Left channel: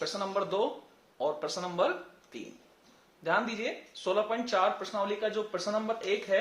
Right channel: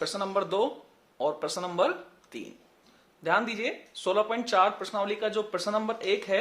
प्रश्न नंबर 2 और प्रश्न नंबर 3। ध्यान दीजिए 16.4 प्रश्नावली का जो प्रश्न नंबर 1 है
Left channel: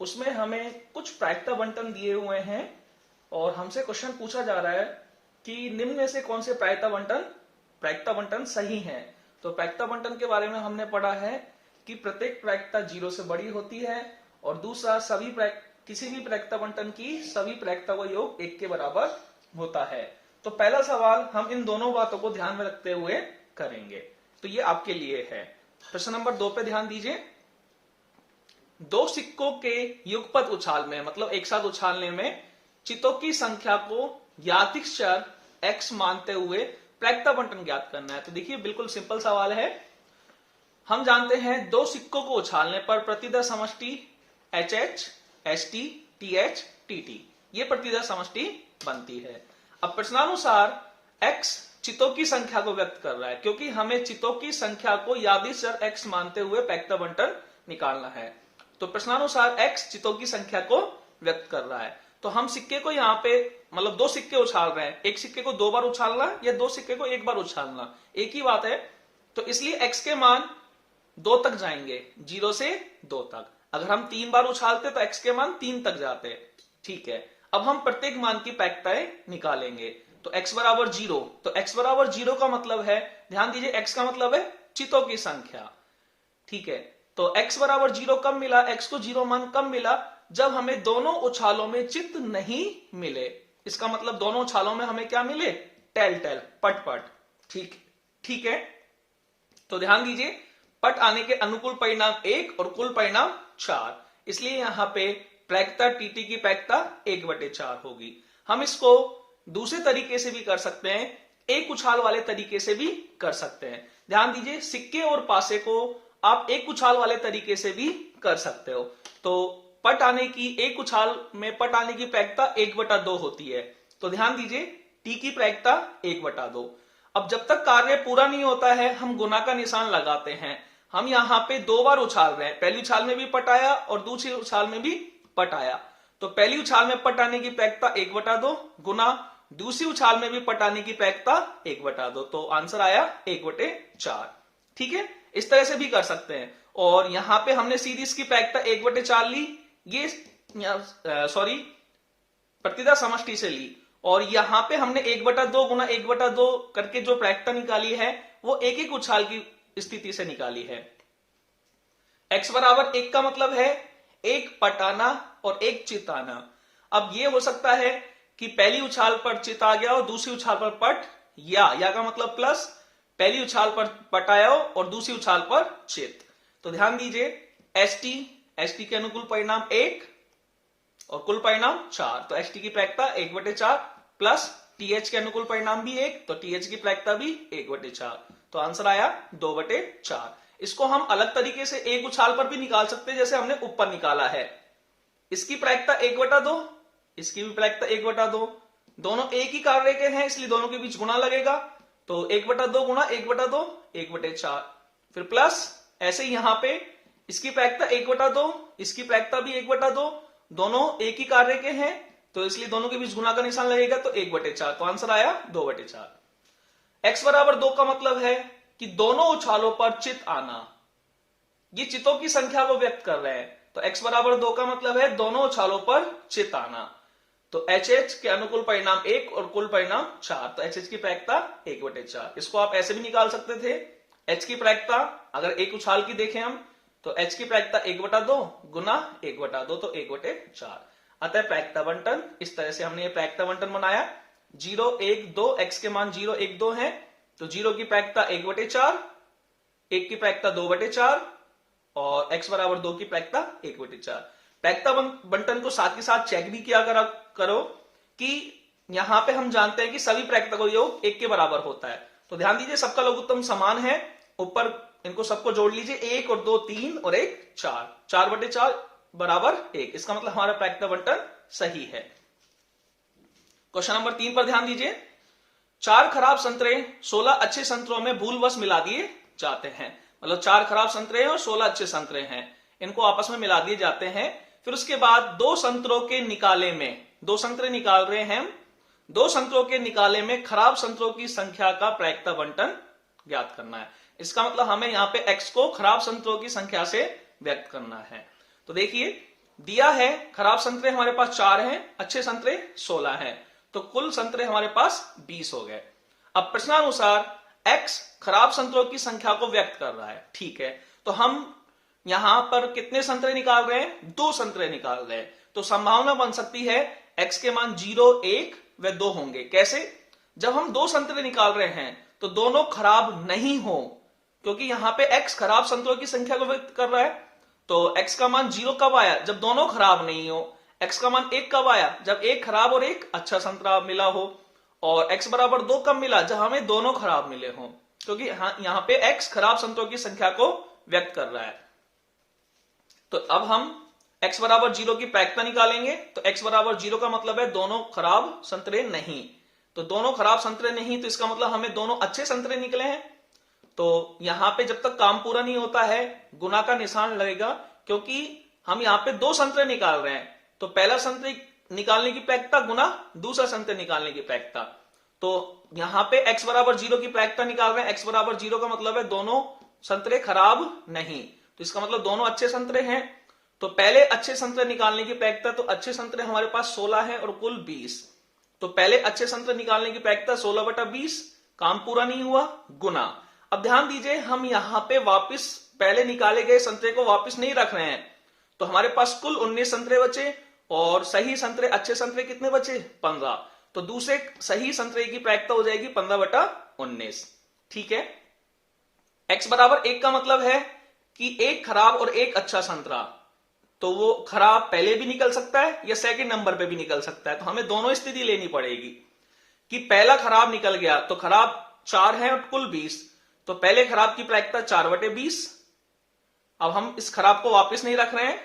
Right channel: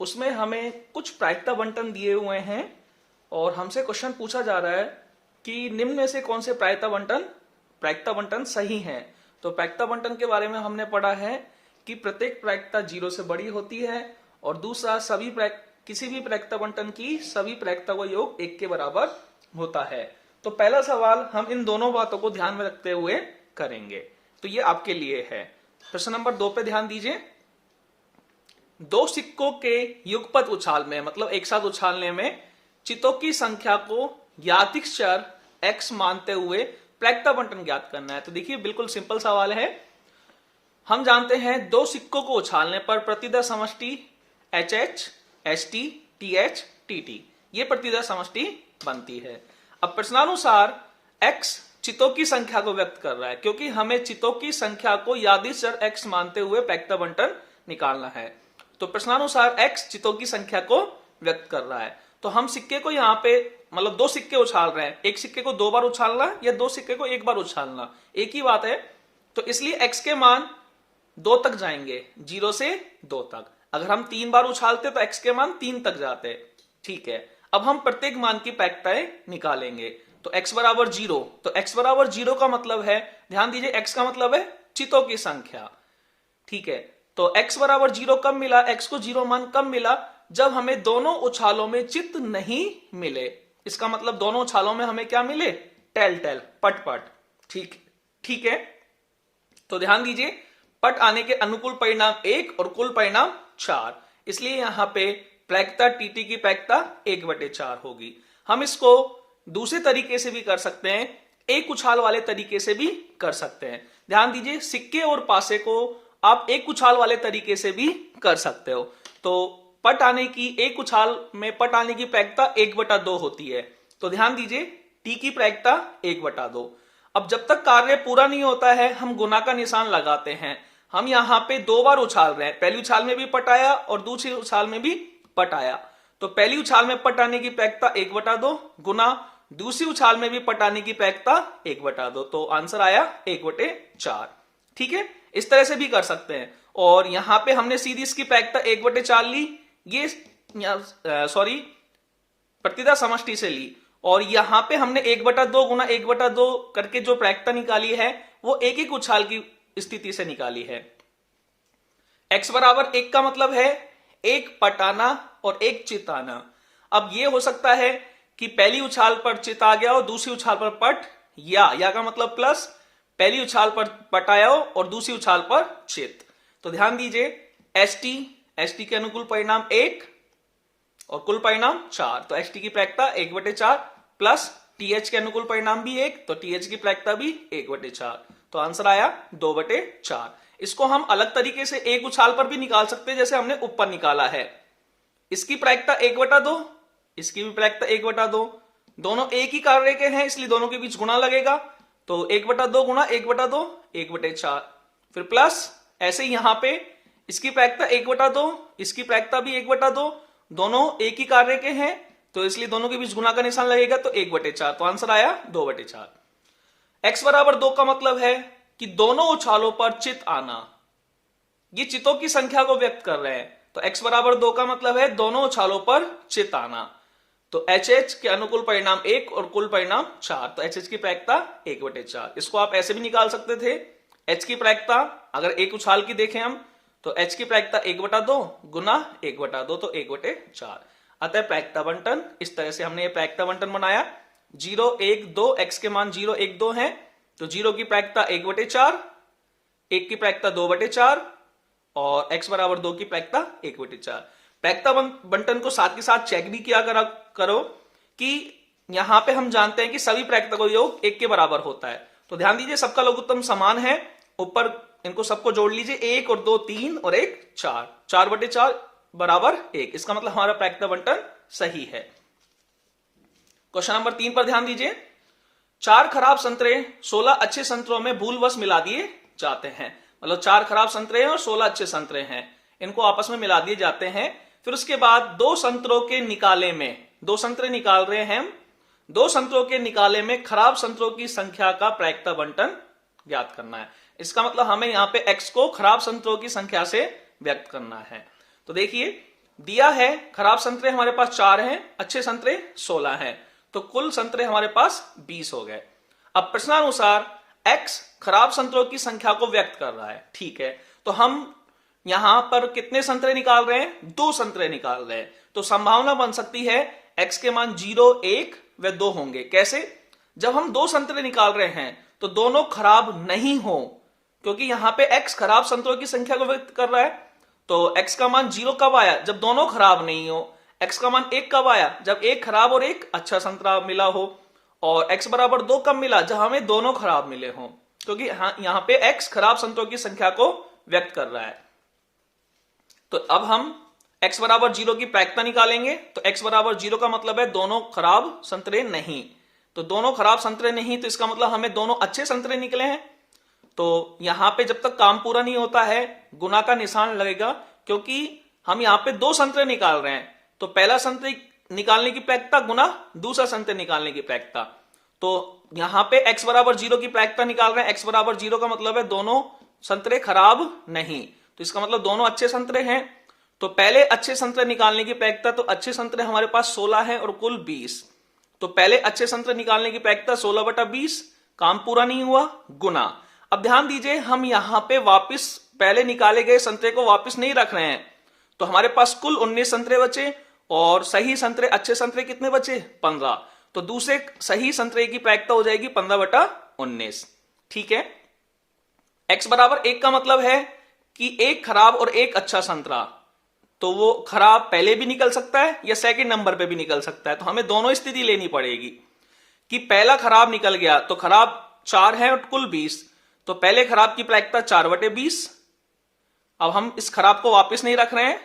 उसमें हमें कुछ प्रायिकता बंटन दिए हुए हैं और हमसे क्वेश्चन पूछा जा रहा है कि निम्न में से कौन से प्रायिकता बंटन सही हैं। तो प्रायिकता बंटन के बारे में हमने पढ़ा है कि प्रत्येक प्रायिकता 0 से बड़ी होती है और दूसरा किसी भी प्रायिकता बंटन की सभी प्रायिकता का योग 1 के बराबर होता है। तो पहला सवाल हम इन दोनों बातों को ध्यान में रखते हुए करेंगे, तो ये आपके लिए है। प्रश्न नंबर 2 पे ध्यान दीजिए। दो सिक्कों के युगपत उछाल में, मतलब एक साथ उछालने में, चितों की संख्या को ज्ञातिक चर x मानते हुए प्रायिकता बंटन ज्ञात करना है। तो देखिए बिल्कुल सिंपल सवाल है। हम जानते हैं दो सिक्कों को उछालने पर प्रतिदर समष्टि HH, HT, TH, TT ये प्रतिदर समष्टि बनती है। अब प्रश्नानुसार x चितों की संख्या को व्यक्त कर रहा है, क्योंकि हमें चितों की संख्या को यादृच्छिक चर x मानते हुए प्रायिकता बंटन निकालना है। तो प्रश्नानुसार x चितों की संख्या को व्यक्त कर रहा है। तो हम सिक्के को यहाँ पे, मतलब दो सिक्के उछाल रहे हैं, एक सिक्के को 2 बार उछालना या दो सिक्के को 1 बार उछालना, एक ही बात है। तो इसलिए x के मान 2 तक जाएंगे, 0 से 2 तक। अगर हम 3 बार उछालते तो x के मान 3 तक जाते। ठीक है, अब हम प्रत्येक मान की प्रायिकताएं निकालेंगे। तो x बराबर 0, तो x बराबर 0 का मतलब है, ध्यान दीजिए x का मतलब है चितों की संख्या। ठीक है, तो x बराबर 0 कब मिला, x को 0 मान कब मिला, जब हमें दोनों उछालों में चित नहीं मिले। इसका मतलब दोनों उछालों में हमें क्या मिले, टेल टेल, पट पट। ठीक है, तो ध्यान दीजिए पट आने के अनुकूल परिणाम 1 और कुल परिणाम 4, इसलिए यहां पे प्रायिकता टीटी की प्रायिकता 1/4 होगी। हम इसको दूसरे तरीके से भी कर सकते हैं, एक उछाल वाले तरीके से भी कर सकते हैं। ध्यान दीजिए सिक्के और पासे को आप एक उछाल वाले तरीके से भी कर सकते हो। तो पट आने की, एक उछाल में पट आने की प्रायिकता 1/2 होती है। तो ध्यान दीजिए टी की प्रायिकता 1/2। अब जब तक कार्य पूरा नहीं होता है हम गुना का निशान लगाते हैं। हम यहाँ पे 2 बार उछाल रहे हैं, पहली उछाल में भी पट आया और दूसरी उछाल में भी पट आया। तो पहली उछाल में पट आने की प्रायिकता 1/2 गुना दूसरी उछाल में भी पट आने की प्रायिकता 1/2, तो आंसर आया 1/4। ठीक है, इस तरह से भी कर सकते हैं। और यहां पे हमने सीधी इसकी प्रायिकता 1/4 ली, ये प्रतिदर समष्टि से ली, और यहां पे हमने 1/2 गुना 1/2 करके जो प्रायिकता निकाली है वो एक एक उछाल की स्थिति से निकाली है। x बराबर 1 का मतलब है एक पटाना और एक चिताना। अब ये हो सकता है कि पहली उछाल पर चित आ गया और दूसरी उछाल पर पट, या का मतलब प्लस, पहली उछाल पर पट आया हो और दूसरी उछाल पर चित। तो ध्यान दीजिए एसटी के अनुकूल परिणाम 1 और कुल परिणाम 4, तो एसटी की प्रायिकता 1/4 प्लस टीएच के अनुकूल परिणाम भी 1, तो टीएच की प्रायिकता भी 1/4, तो आंसर आया 2/4। इसको हम अलग तरीके से एक उछाल पर भी निकाल सकते हैं, जैसे हमने ऊपर निकाला है। इसकी प्रायिकता 1/2, इसकी भी प्रायिकता 1/2, दोनों एक ही कार्य के हैं इसलिए दोनों के बीच गुणा लगेगा। तो 1/2 गुणा 1/2 1/4, फिर प्लस ऐसे यहां पे इसकी प्रायिकता 1/2, इसकी प्रायिकता भी 1/2, दोनों एक ही कार्य के हैं तो इसलिए दोनों के बीच गुणा का निशान लगेगा, तो 1/4, तो आंसर आया 2/4। x बराबर 2 का मतलब है कि दोनों उछालों पर चित आना, ये चितों की संख्या को व्यक्त कर रहे हैं। तो x बराबर 2 का मतलब है दोनों उछालों पर चित आना। तो HH के अनुकूल परिणाम 1 और कुल परिणाम 4, तो HH की प्रायिकता 1/4। इसको आप ऐसे भी निकाल सकते थे, H की प्रायिकता अगर एक उछाल की देखें हम, तो H की प्रायिकता 1/2 गुना 1/2, तो 1/4। अतः प्रायिकता बंटन, इस तरह से हमने ये प्रायिकता बंटन बनाया। 0 1 2, x के मान 0 1 2 है, तो 0 की प्रायिकता 1/4, 1 की प्रायिकता 2/4 और x बराबर 2 की प्रायिकता 1/4। प्रायिकता बंटन को साथ के साथ चेक भी किया करो कि यहां पे हम जानते हैं कि सभी प्रायिकता का योग 1 के बराबर होता है। तो ध्यान दीजिए सबका लघुत्तम समान है, ऊपर इनको सबको जोड़ लीजिए, 1 और 2 3 और 1 4, 4/4 बराबर 1। इसका मतलब हमारा प्रायिकता बंटन सही है। क्वेश्चन नंबर 3 पर ध्यान दीजिए। 4 खराब संतरे 16 अच्छे संतरों में भूलवश मिला दिए जाते हैं। मतलब 4 खराब संतरे हैं और 16 अच्छे संतरे हैं, इनको आपस में मिला दिए जाते हैं। फिर उसके बाद 2 संतरों के निकाले में, 2 संतरे निकाल रहे हैं, दो संतरों के निकाले में खराब संतरों की संख्या का प्रायिकता बंटन ज्ञात करना है। इसका मतलब हमें यहाँ पे x को खराब संतरों की संख्या से व्यक्त करना है। तो देखिए दिया है खराब संतरे हमारे पास 4 हैं, अच्छे संतरे 16 हैं, तो कुल संतरे हमारे पास 20 हो गए। अब प्रश्नानुसार x खराब संतरों की संख्या को व्यक्त कर रहा है। ठीक है, तो हम यहां पर कितने संतरे निकाल रहे हैं? 2 संतरे निकाल रहे हैं। तो संभावना बन सकती है x के मान 0, 1 व 2 होंगे। कैसे? जब हम 2 संतरे निकाल रहे हैं तो दोनों खराब नहीं हो, क्योंकि यहां पे x खराब संतरों की संख्या को व्यक्त कर रहा है। तो x का मान 0 कब आया? जब दोनों खराब नहीं हो। x का मान 1 कब आया? जब एक खराब और एक अच्छा संतरा मिला हो। और x बराबर 2 कब मिला? जब हमें दोनों खराब मिले हों, क्योंकि यहां पे x खराब संतरों की संख्या को व्यक्त कर रहा है। तो अब हम x बराबर 0 की प्रायिकता निकालेंगे। तो x बराबर 0 का मतलब है दोनों खराब संतरे नहीं। तो दोनों खराब संतरे नहीं, तो इसका मतलब हमें दोनों अच्छे संतरे निकले हैं। तो यहां पे जब तक काम पूरा नहीं होता है गुना का निशान लगेगा, क्योंकि हम यहां पे 2 संतरे निकाल रहे हैं। तो पहला संतरे निकालने की प्रायिकता गुना दूसरा संतरे निकालने की प्रायिकता। तो यहां पे x बराबर 0 की प्रायिकता निकाल रहे हैं। x बराबर 0 का मतलब है दोनों संतरे खराब नहीं, तो इसका मतलब दोनों अच्छे संतरे हैं। तो पहले अच्छे संतरे निकालने की प्रायिकता, तो अच्छे संतरे हमारे पास 16 है और कुल 20। तो पहले अच्छे संतरे निकालने की प्रायिकता 16/20, काम पूरा नहीं हुआ, गुना। अब ध्यान दीजिए हम यहां पे वापस पहले निकाले गए संतरे को वापस नहीं रख रहे हैं। तो हमारे पास कुल 19 संतरे बचे और सही संतरे अच्छे संतरे कितने बचे? 15। तो दूसरे सही संतरे की प्रायिकता हो जाएगी 15/19। ठीक है, x बराबर 1 का मतलब है कि एक खराब और एक अच्छा संतरा, तो वो खराब पहले भी निकल सकता है या सेकंड नंबर पे भी निकल सकता है। तो हमें दोनों स्थिति लेनी पड़ेगी कि पहला खराब निकल गया तो खराब 4 है और कुल 20, तो पहले खराब की प्रायिकता 4/20। अब हम इस खराब को वापस नहीं रख रहे हैं।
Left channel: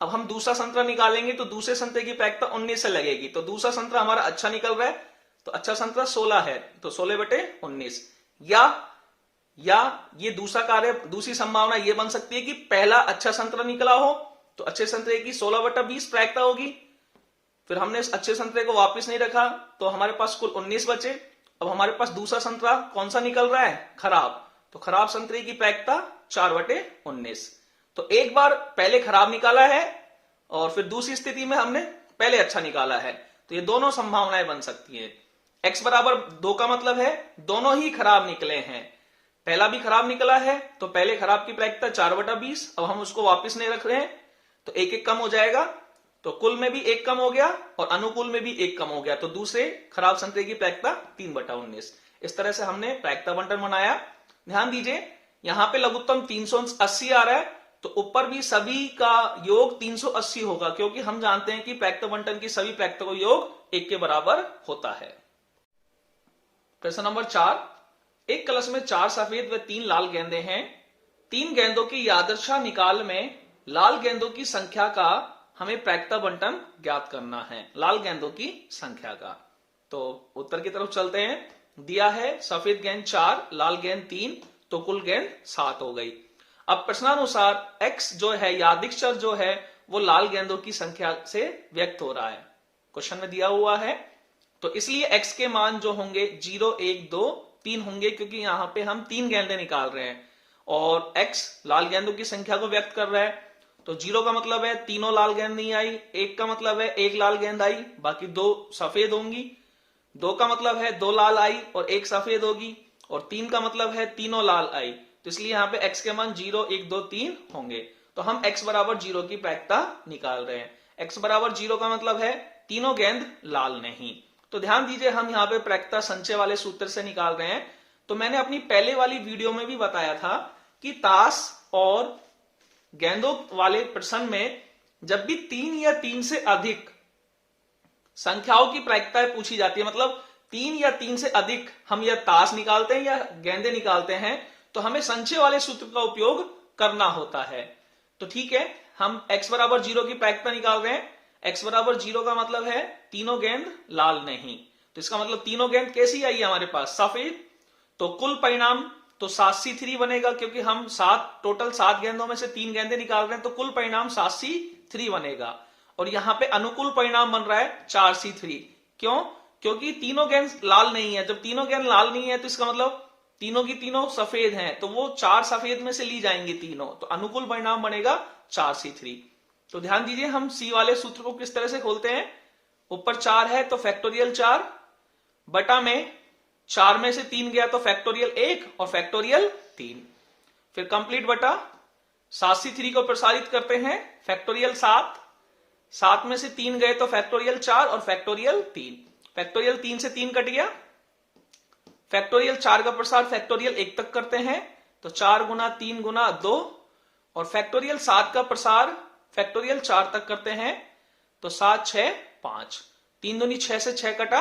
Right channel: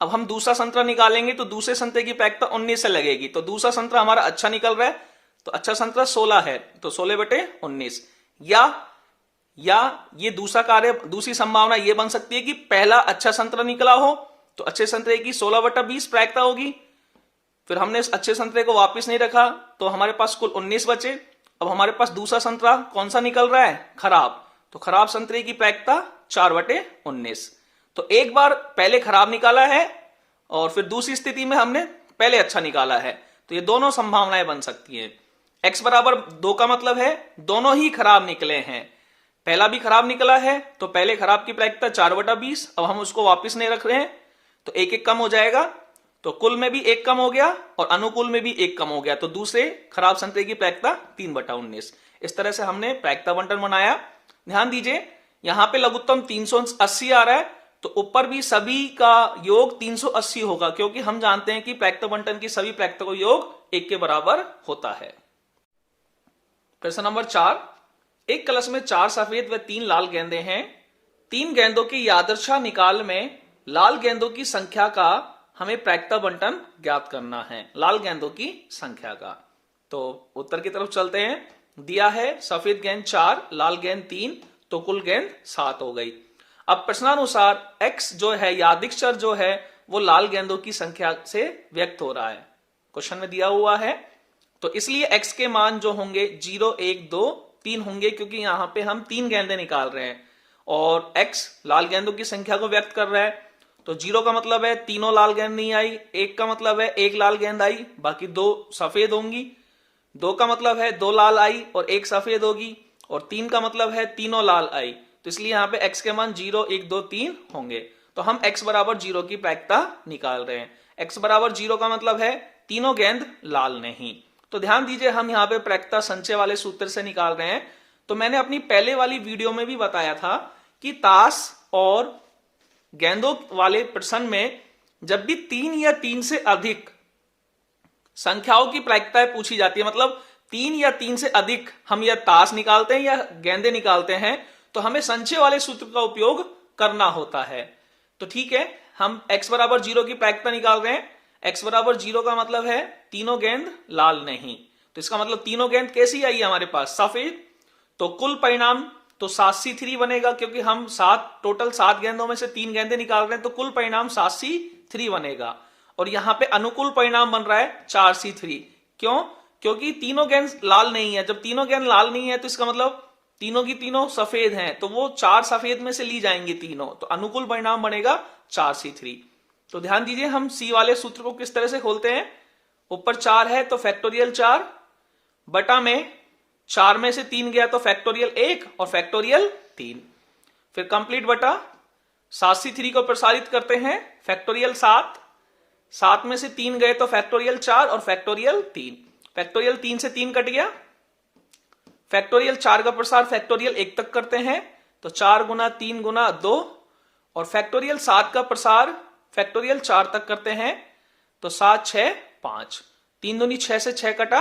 अब हम दूसरा संतरा निकालेंगे तो दूसरे संतरे की प्रायिकता 19 से लगेगी। तो दूसरा संतरा हमारा अच्छा निकल रहा है, तो अच्छा संतरा 16 है, तो 16/19। या ये दूसरा कार्य, दूसरी संभावना ये बन सकती है कि पहला अच्छा संतरा निकला हो तो अच्छे संतरे की 16/20 प्रायिकता होगी। फिर हमने इस अच्छे संतरे को वापस नहीं रखा तो हमारे पास कुल 19 बचे। अब हमारे पास दूसरा संतरा कौन सा निकल रहा है? खराब। तो खराब संतरे की प्रायिकता 4/19। तो एक बार पहले खराब निकाला है और फिर दूसरी स्थिति में हमने पहले अच्छा निकाला है। तो ये दोनों संभावनाएं बन सकती है। x बराबर 2 का मतलब है दोनों ही खराब निकले हैं। पहला भी खराब निकला है तो पहले खराब की प्रायिकता 4/20। अब हम उसको वापस नहीं रख रहे हैं तो 1 कम हो जाएगा। तो कुल में भी 1 कम हो गया और अनुकूल में भी 1 कम हो गया। तो दूसरे खराब संतरे की प्रायिकता 3/19। इस तरह से हमने प्रायिकता बंटन बनाया। ध्यान दीजिए यहां पे लघुत्तम 380 आ रहा है, तो ऊपर भी सभी का योग 380 होगा, क्योंकि हम जानते हैं कि प्रायिकता बंटन की सभी प्रायिकता का योग 1 के बराबर होता है। प्रश्न नंबर 4, एक कलश में 4 सफेद व 3 लाल गेंदे हैं। 3 गेंदों की यादृच्छा निकाल में लाल गेंदों की संख्या का हमें प्रायिकता बंटन ज्ञात करना है, लाल गेंदों की संख्या का। तो उत्तर की तरफ चलते हैं। दिया है सफेद गेंद 4, लाल गेंद 3, तो कुल गेंद 7 हो गई। अब प्रश्नानुसार x जो है यादृच्छिक चर जो है वो लाल गेंदों की संख्या से व्यक्त हो रहा है, क्वेश्चन में दिया हुआ है। तो इसलिए x के मान जो होंगे 0, 1, 2, 3 होंगे, क्योंकि यहां पे हम 3 गेंदें निकाल रहे हैं और x लाल गेंदों की संख्या को व्यक्त कर रहा है। तो 0 का मतलब है तीनों लाल गेंद नहीं आई, 1 का मतलब है 1 लाल गेंद आई, बाकी 2 सफेद होंगी। 2 का मतलब है 2 लाल आई और 1 सफेद होगी, और 3 का मतलब है तीनों लाल आई। तो इसलिए यहाँ पे x के मान 0, 1, 2, 3 होंगे। तो हम x बराबर 0 की प्रायिकता निकाल रहे हैं। x बराबर 0 का मतलब है तीनों गेंद लाल नहीं। तो ध्यान दीजिए हम यहाँ पे प्रायिकता संचय वाले सूत्र से निकाल रहे हैं। तो मैंने अपनी पहले वाली वीडियो में भी बताया था कि ताश और गेंदों वाले प्रश्न में जब भी 3 या 3 से अधिक संख्याओं की प्रायिकताएं पूछी जाती है, मतलब 3 या 3 से अधिक हम या ताश निकालते हैं या गेंदे निकालते हैं, तो हमें संचय वाले सूत्र का उपयोग करना होता है। तो ठीक है, हम x बराबर 0 की प्रायिकता निकाल रहे हैं। x बराबर 0 का मतलब है तीनों गेंद लाल नहीं। तो इसका मतलब तीनों गेंद कैसी आई है हमारे पास? सफेद। तो कुल परिणाम तो 7C3 बनेगा, क्योंकि हम टोटल 7 गेंदों में से 3 गेंदे निकाल रहे हैं, तो कुल परिणाम 7C3 बनेगा। और यहां पे अनुकूल परिणाम बन रहा है 4C3। क्यों? क्योंकि तीनों गेंद लाल नहीं है। जब तीनों गेंद लाल नहीं है तो इसका मतलब तीनों की तीनों सफेद हैं, तो वो 4 सफेद में से ली जाएंगी तीनों, तो अनुकूल परिणाम बनेगा 4C3। तो ध्यान दीजिए हम सी वाले सूत्र को किस तरह से खोलते हैं। ऊपर 4 है तो फैक्टोरियल 4 बटा में 4 में से 3 गया तो फैक्टोरियल 1 और फैक्टोरियल 3, फिर कंप्लीट बटा 7C3 को प्रसारित करते हैं फैक्टोरियल 7, 7 में से 3 गए तो फैक्टोरियल 4 और फैक्टोरियल 3, फैक्टोरियल 3 से 3 कट गया, फैक्टोरियल 4 का प्रसार फैक्टोरियल 1 तक करते हैं तो 4 गुना 3 गुना 2, और फैक्टोरियल 7 का प्रसार फैक्टोरियल 4 तक करते हैं तो 7 6 5, 3 दूनी 6 से 6 कटा,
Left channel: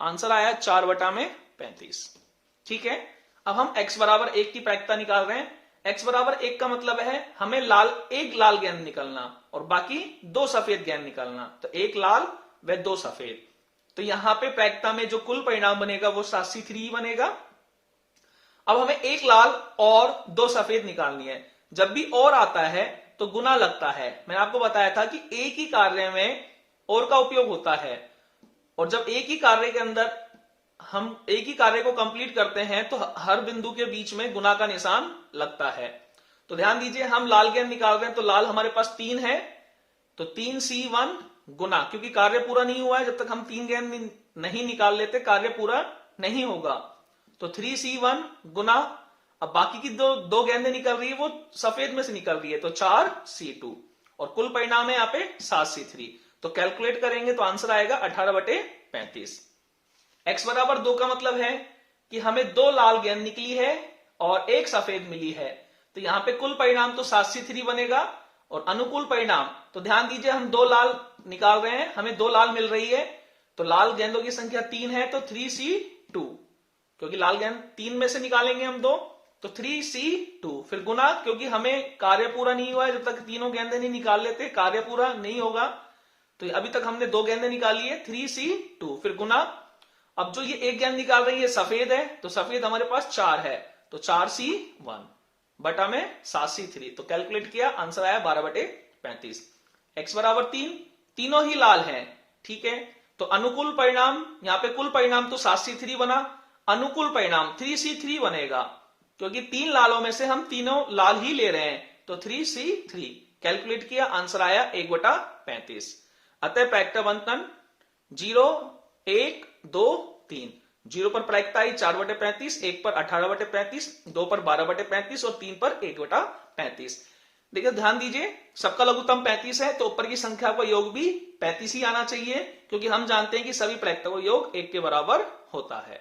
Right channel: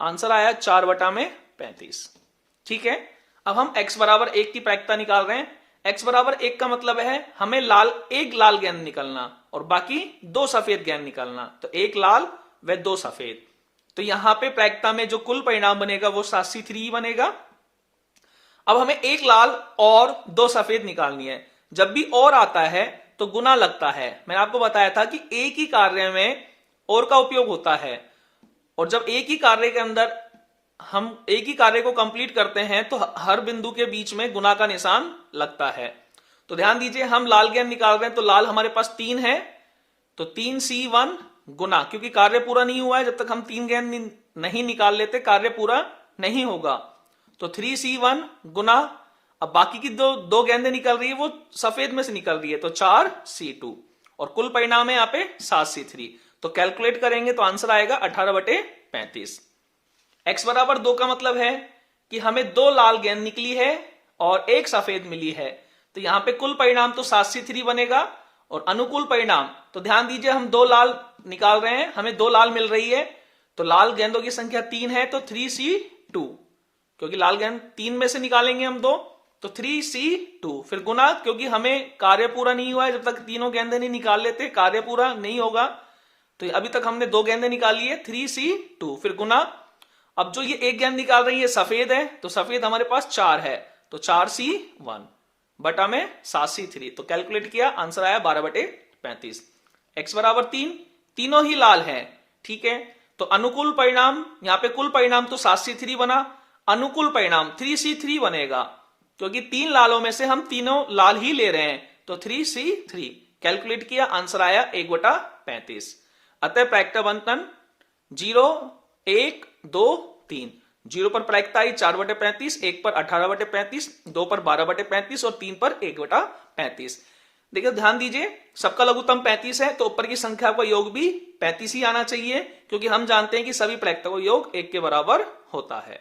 आंसर आया 4 बटा में 35। ठीक है, अब हम x बराबर 1 की प्रायिकता निकाल रहे हैं। x बराबर 1 का मतलब है हमें एक लाल गेंद निकलना और बाकी 2 सफेद गेंद निकलना, तो 1 लाल व 2 सफेद। तो यहां पे प्रायिकता में जो कुल परिणाम बनेगा वो 7C3 बनेगा। अब हमें 1 लाल और 2 सफेद निकालनी है। जब भी और आता है तो गुना लगता है। मैंने आपको बताया था कि एक ही कार्य में और का उपयोग होता है, और जब एक ही कार्य के अंदर हम एक ही कार्य को कंप्लीट करते हैं तो हर बिंदु के बीच में गुना का निशान लगता है। तो ध्यान दीजिए हम लाल गेंद निकाल रहे हैं, तो लाल हमारे पास 3 है तो 3C1 गुना, क्योंकि कार्य पूरा नहीं हुआ है, जब तक हम 3 गेंद नहीं निकाल लेते कार्य पूरा नहीं होगा, तो 3C1 गुना, अब बाकी की दो गेंदें निकल रही है वो सफेद में से निकल रही है तो 4C2, और कुल परिणाम है यहाँ पे 7C3। तो कैलकुलेट करेंगे तो आंसर आएगा 18/35। x बराबर 2 का मतलब है कि हमें 2 लाल गेंद निकली है और 1 सफेद मिली है, तो यहां पे कुल परिणाम तो 7C3 बनेगा, और अनुकूल परिणाम तो ध्यान दीजिए हम 2 लाल निकाल रहे हैं, हमें 2 लाल मिल रही है, तो लाल गेंदों की संख्या 3 है तो 3C2, क्योंकि लाल गेंद 3 में से निकालेंगे हम 2 तो 3C2, फिर गुना, क्योंकि हमें कार्य पूरा नहीं हुआ है, जब तक तीनों गेंदें नहीं निकाल लेते कार्य पूरा नहीं होगा, तो अभी तक हमने 2 गेंदें निकाली है 3C2, फिर गुना। अब जो ये 1 गेंद निकाल रही है सफेद है, तो सफेद हमारे पास 4 है तो 4C1 बटा में 7C3, तो कैलकुलेट किया आंसर आया 12/35। x बराबर 3, तीनों ही लाल हैं। ठीक है, तो अनुकूल परिणाम यहां पे कुल परिणाम तो 7C3 बना, अनुकूल परिणाम 3C3 बनेगा, क्योंकि 3 लालों में से हम तीनों लाल ही ले रहे हैं, तो 3C3 कैलकुलेट किया आंसर आया 1/35। अतः प्रायिकता बंटन 0 1 2 3, 0 पर प्रायिकता आई 4/35, 1 पर 18/35, 2 पर 12/35 और 3 पर 1/35। देखिए ध्यान दीजिए सबका लघुत्तम 35 है तो ऊपर की संख्या का योग भी 35 ही आना चाहिए, क्योंकि हम जानते हैं कि सभी प्रायिकता का योग 1 के बराबर होता है।